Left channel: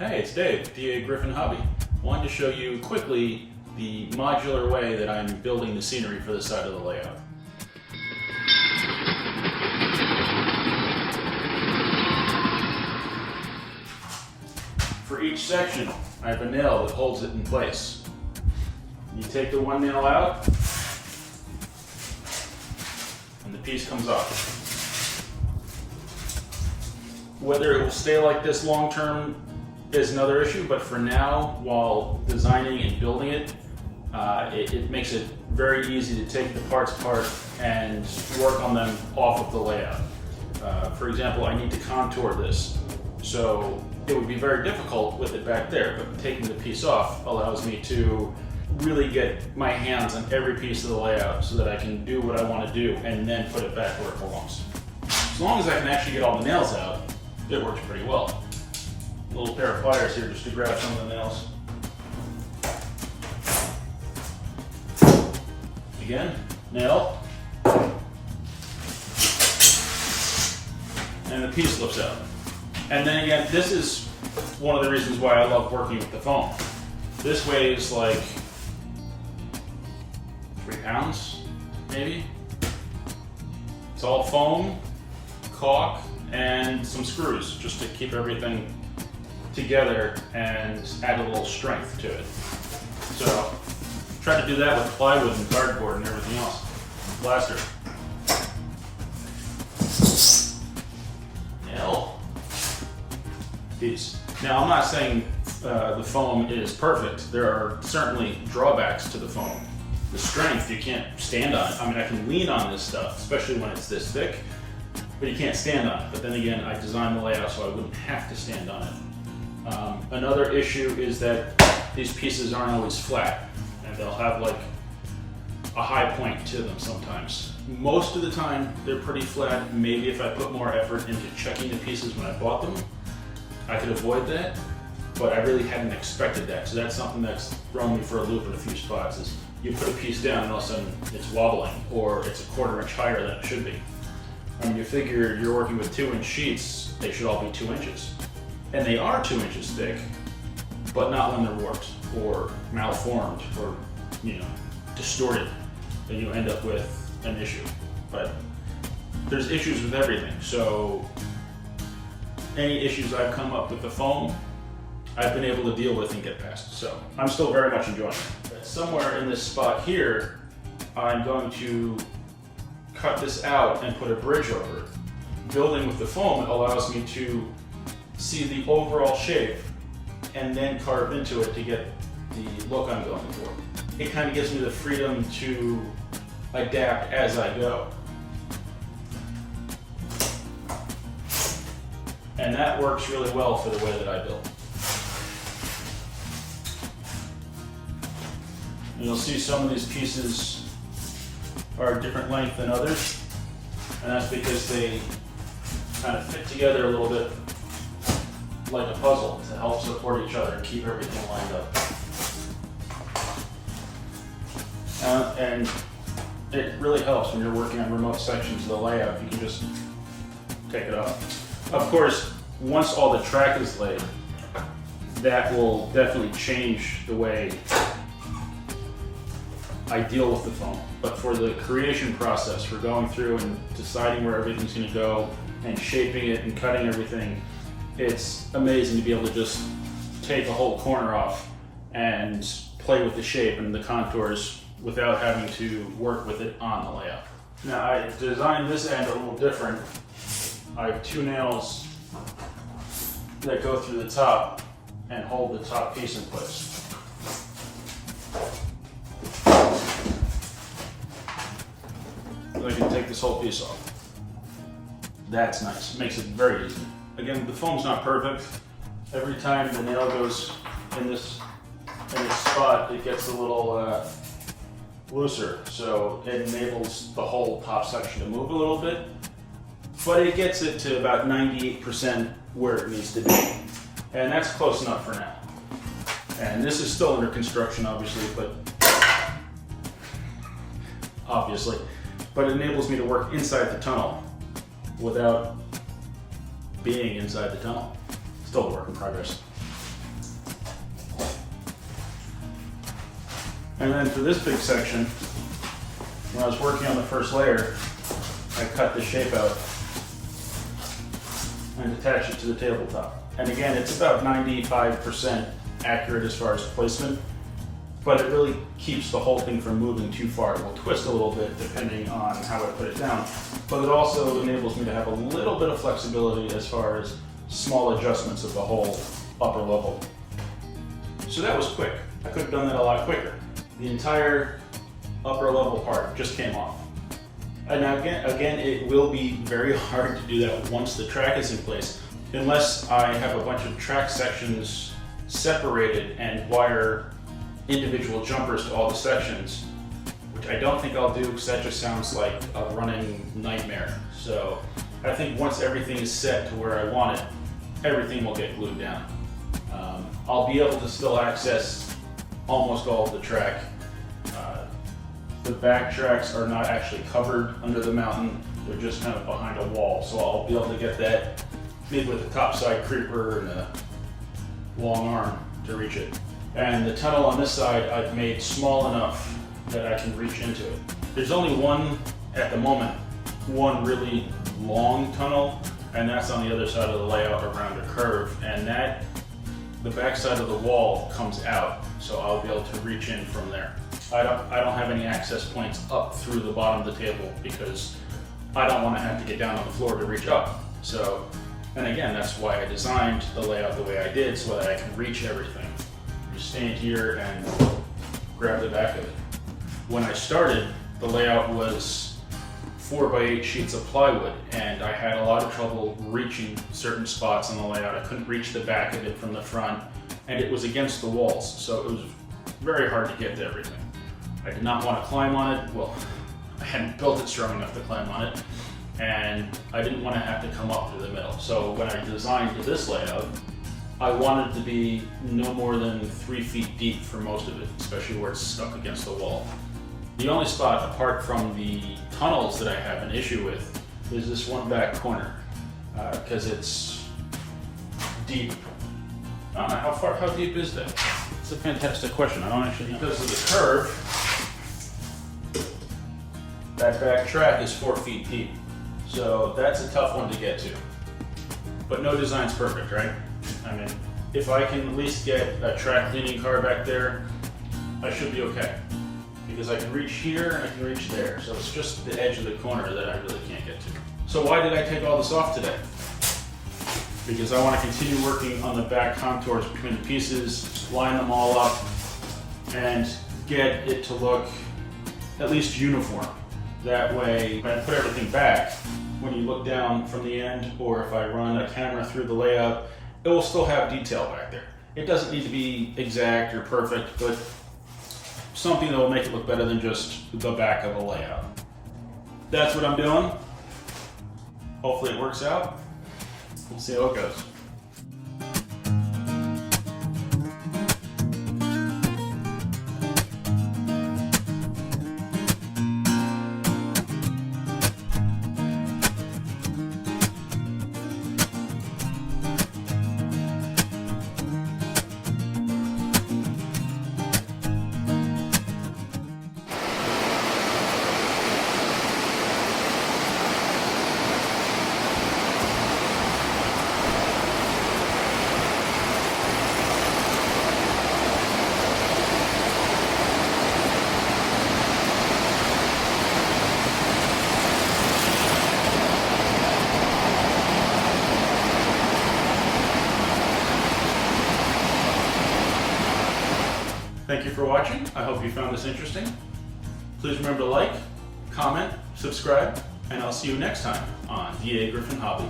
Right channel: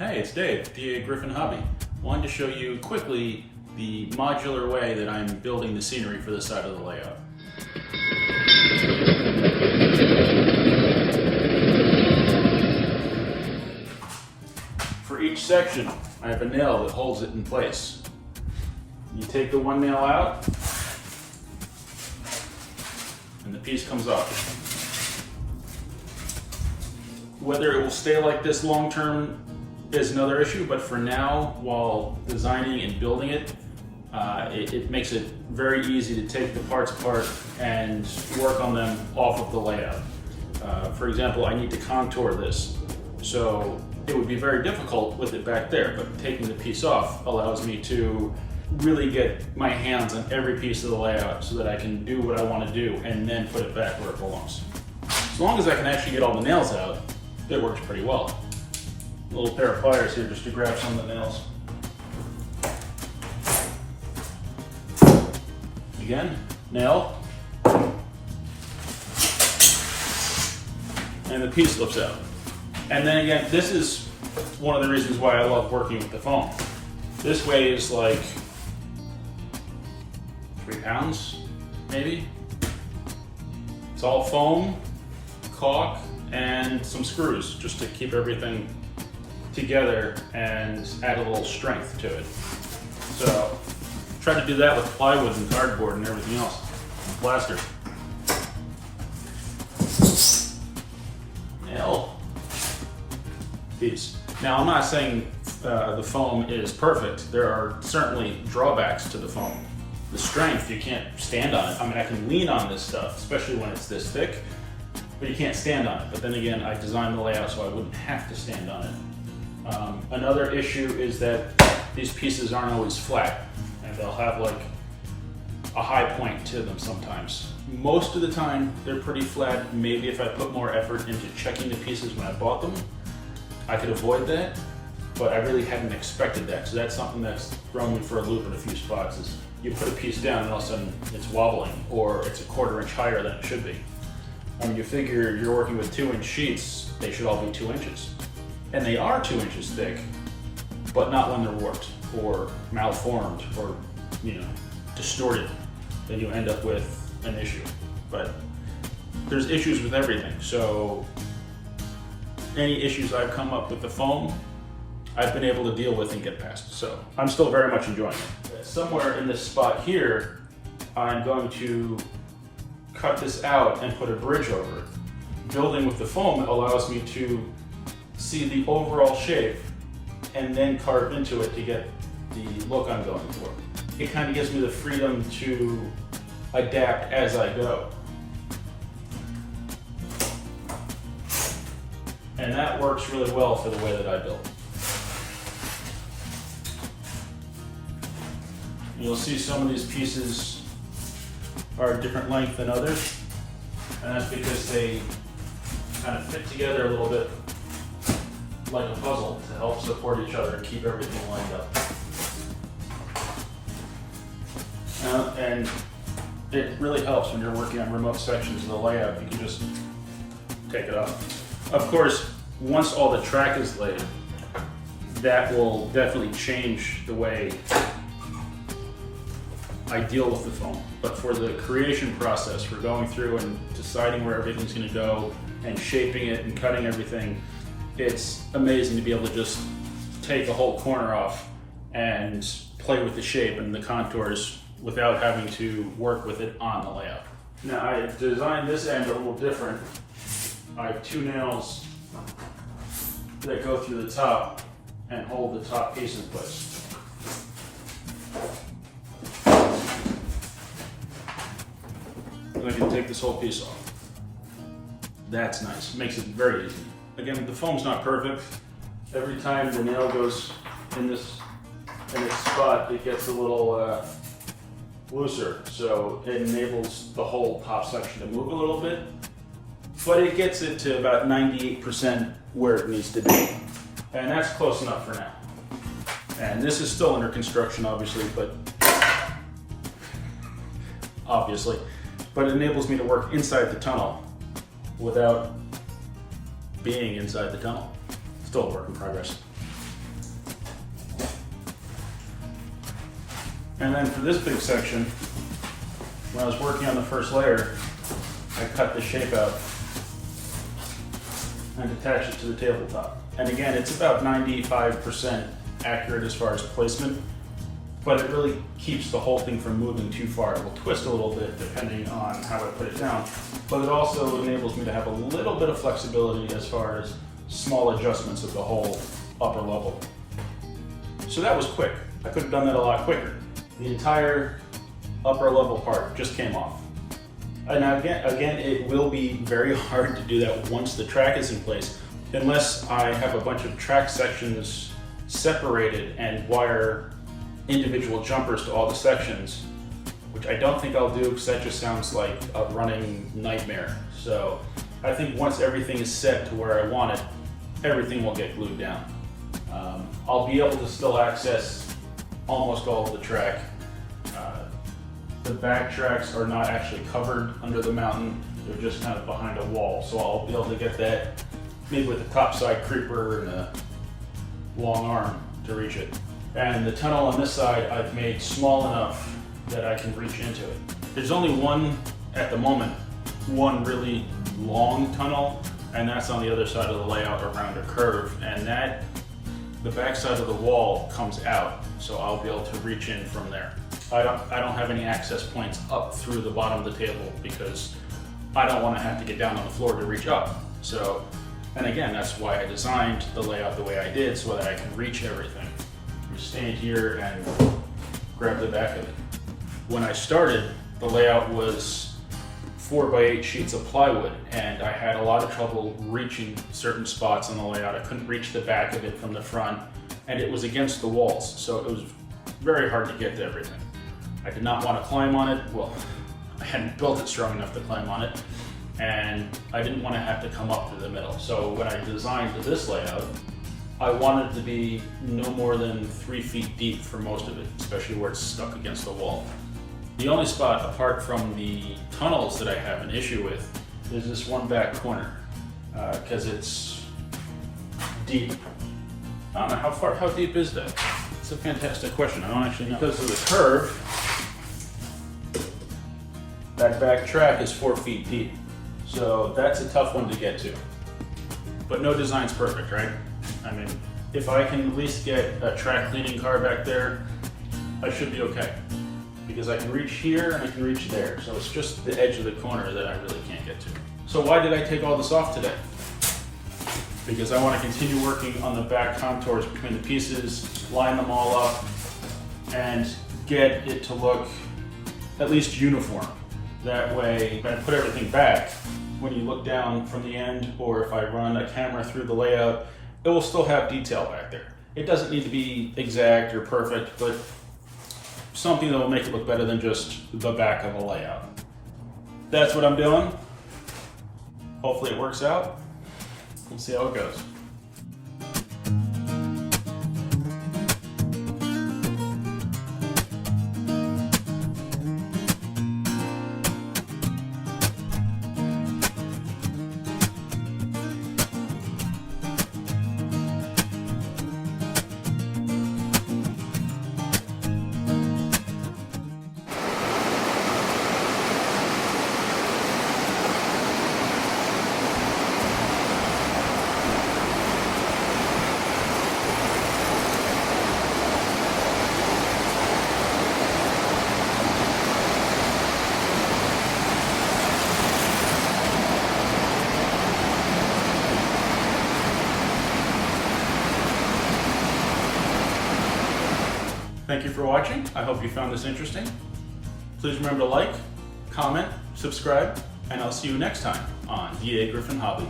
Hey, it's Dave, dagryffyn Hobby. Wanted to show you quickly the modular way that I'm building the scenery for this side of the layout. For each section, I have a nail that holds it in place. You take the one nail out, and the piece comes off. Whether it will stay like this long term is another issue, but for now, while designing and building it, it makes it very easy to take the parts apart and work on them off of the layout. For example, I need to contour this, so it would be very difficult with it back there, but taking the piece off allows me to really get my hands on every piece of the layout so that I can do what I want to do and then put it back where it belongs. As long as I can actually get all the nails out, it works pretty well. A little pair of pliers here just to grab some of the nails. Again, nail. And the piece slips out. And then again, this is one of the reasons why I love working with the foam. This weighs like 3 pounds, maybe. It's all foam, caulk, and some screws just to keep everything together and add a little strength to it. So try to do that with plywood and cardboard and everything else. Plaster. Nail. Piece. Now I'm not saying the foam is perfect. There are certainly drawbacks to the foam. The strength, you can't stand on it. I mean, I can lean on this stuff, especially when it's this thick, but you can't stand on it. But then again, I designed the layout so I wouldn't have to stand on it. Another issue is that these pieces aren't always flat, and they'll have like a high point to them sometimes. Most of the time, they're pretty flat. Maybe if I put more effort into checking the pieces when I bought them, I could avoid that, but I really hadn't expected that. So that's something that's thrown me for a loop in a few spots, is you put a piece down and all of a sudden it's wobbling, or it's a 1/4 inch higher than it should be. I mean, you figure you're working with 2-inch sheets, they should all be 2 inches. And they are 2 inches thick, but not when they're warped or malformed or, distorted. Then you end up with an issue. But there's issues with everything. So any issues I've come up with the foam, I've been able to deal with and get past. So I'm still very much enjoying it. Somewhere in this spot here, I'm going to cut this out and put a bridge over it. Building with the foam allows me to see the overall shape and then carve into it to get the look I'm going for. It kind of gives me the freedom to adapt as I go. And that works really well for the way that I build. You'll see some of these pieces are a different length than others, and that's because they kind of fit together a little bit like a puzzle to help support each other and keep everything lined up. And it really helps when you're working on remote sections of the layout. You can just take it off. Of course, once all the track is laid, that will definitely change the way I deal with the foam. But for the creation process, for going through and deciding where everything's going to go and shaping it and cutting everything, it's amazing to be able to just take a whole corner off and play with the shape and the contours without having to work with it on the layout. Now, I designed this end a little different. I have 2 nails that go through the top and hold the top piece in place. I can take this whole piece off. That's nice. Makes it very easy. Again, the foam's not perfect. Every time the nail goes in its spot, it gets a little looser, so it enables the whole top section to move a little bit. But it gets it to about 98% where it needs to be, and that's close enough for now. And this is still under construction, obviously, but it enables me to work inside the tunnel without being inside the tunnel. Still a work in progress. And then for this big section, when I was working on the first layer, I cut the shape out and attach it to the tabletop. And again, it's about 95% accurate as far as placement, but it really keeps the whole thing from moving too far. It will twist a little bit depending on how I put it down, but it also enables me to have a little bit of flexibility as far as small adjustments of the whole upper level. So that was quick. I could have done that a lot quicker. The entire upper level part just came off. And now again, it will be very hard to do that once the track is in place, unless I have a bunch of track sections separated and wire individual jumpers to all the sections, which I don't think I'll do because that just sounds like a running nightmare. So I think once everything is set to where I want it, everything will get glued down. I'll be able to still access almost all of the track. The back tracks are not actually covered under the mountain, they're just kind of behind a wall, so I'll be able to get that maybe with a topside creeper and a long arm to reach it. And the tunnel on this side I've made small enough that I can reach into it. There's only one, at the moment, one really long tunnel, and that's on the other side of the layout around a curve, and that, the back side of the wall comes out, so I'll be able to reach in from there. I don't have any access points up through the bottom of the table because I don't want to have to get down on the floor to reach up. So, and again, that's why I designed the layout the way I did, so that I can reach everything. Just stand here and grab the back of it. When I started, the layout was 4x8 sheets of plywood, and I had a lot of trouble reaching certain spots on the layout. I couldn't reach the back of it from the front, and it was against the walls, so it was very hard to get to everything. I did not want to climb on it. Well, I hadn't built it strong enough to climb on it, and I didn't want to have to come up through the middle. So when I designed this layout, I wanted it to be no more than 3 feet deep for most of it, especially where it's stuck against the wall. The only spot, apart from the tunnels, that I have an issue with is this one back corner, because it's deep. I don't know, how deep is that? It's a fantastic question. I don't actually know. Because of the curve, that back track is 4 feet deep. So that's a tough one to get to. But no design's perfect, right? I mean, if I can at least get a track cleaning car back there, I should be okay. Because I can reach here and I can reach there. So it's just the edge of the corner that I really can't get to. So why did I take all this off today? Because I want to continue working on the back contours between the pieces, line them all up, and get it to look at least uniform. That way, if I put everything back, when you look down from the end, or if I run a camera through the layout, it will still have detail back there. It doesn't need to be exact or perfect, but something that will make it look better than just the back of a layout. That's what I'm doing. Hopefully it works out. We'll see how it goes. Thank you for watching. I hope you found this interesting. Please remember to like, comment, subscribe, and I'll see you next time on the Dagryffyn Hobby.